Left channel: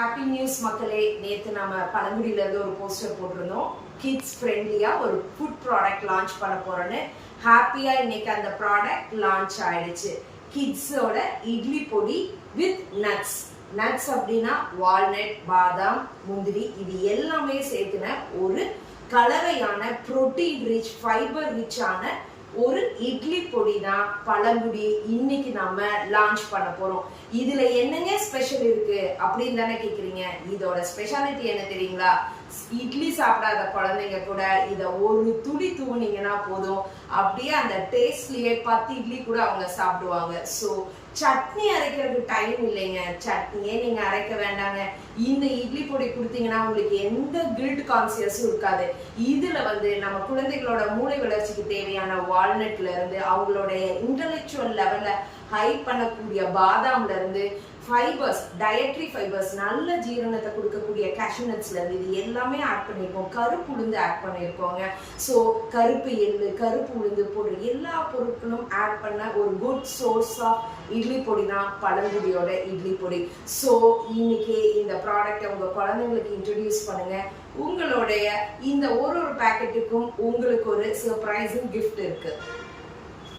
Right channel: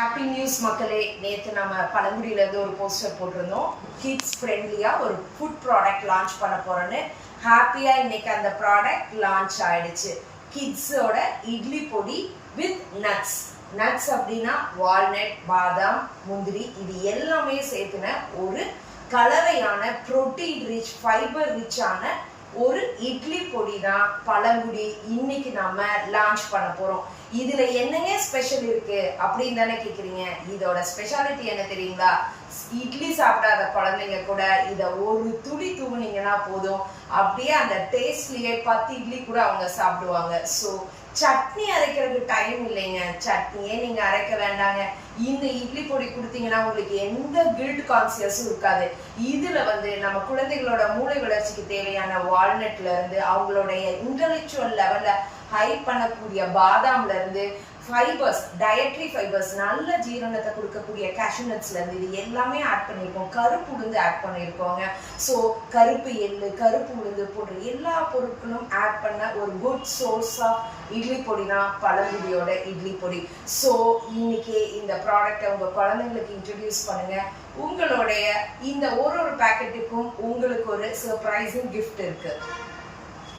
Happy news மக்களே, நேற்று நம்ம பழங்குடியிலேருந்து ஒரு போஸ்டர் போட்டிருந்தோம். கிட்ஸ் ஃப்ரெண்ட்லியாக ஒரு ஃபுட் ப்ராடக்ட் லான்ச் பண்ண போகிறோன்னு. ஹாப்பியாக இன்னைக்கு அந்த ப்ராடக்ட் லான்ச் ஆயிடுச்சு. கிட்ஸோட இட்லி பொடி வித் நட்ஸ். நட்ஸ் அப்படின்னா வால்நட், பாதாம், முந்திரி, இது எல்லாமே சேர்த்துன ஒரு கலவையான புரோட்டீன் ரிச், ஃபைபர் ரிச்சான ஒரு இட்லி பொடி தான் பழங்குடி இன்னைக்கு நம்ம லான்ச் பண்ண போறோம். இதுல என்னங்க ஸ்பெஷல் இருக்கு அப்படின்னு தானே கேக்குறீங்க. இதோட ஸ்பெஷாலிட்டி என்ன தெரியுங்களா? இட்லி சாப்பிடாத குழந்தைங்க கூட இத ஒரு துளி தூவுனீங்கன்னா போதும், அப்படியே அந்த டேஸ்ட்லயே 10 இட்லி கூட அவங்க சாப்பிடுவாங்க. ஸோ சட்னி அரைக்கிறதுக்கு டைம் இல்லைங்க, சட்னியே நீங்க அரைக்க வேண்டாங்க. இந்த இட்லி பொடி கொடுத்தீங்கன்னா உங்களுக்கு எந்த கில்ட் கான்சியஸும் இருக்காது. இதுல நம்ம குழந்தைகளோட மூளை வளர்ச்சிக்கு தேவையான வால்நட்ல இருந்து அவங்களுடைய இன்டலெக்சுவல் லெவல்ல ஹை பண்ணக்கூடிய பாதாம்ல இருந்து ஃபைபர்ஸ், டயட்ரி ஃபைபர்ஸ், நல்ல ஜீரணத்தை கொடுக்கக்கூடிய கேஷ்யூ நட்ஸ்ல இருந்து இது எல்லாமே ஆட் பண்ணியிருக்கோம். கருப்பு உளுந்து ஆட் பண்ணியிருக்கோங்க. ஸோ கருப்பு எள்ளு, கருப்பு உளுந்து போடுற எல்லா பொருட்களும் ஆட் பண்ண ஒரு குட் சோர்ஸ் ஆஃப் இட்லி பொடி தான் பழங்குடியோட இட்லி பொடி. ஸோ இன்னைக்கு இந்த ப்ராடக்டை உங்க குழந்தைங்களுக்கு இன்ட்ரடியூஸ் பண்ணுங்க. உங்களுடைய இந்த ஒரு பேக்கெட்டுக்கும் உங்களுக்கு ஒரு சர்ப்ரைசிங் கிஃப்ட் இருக்கு.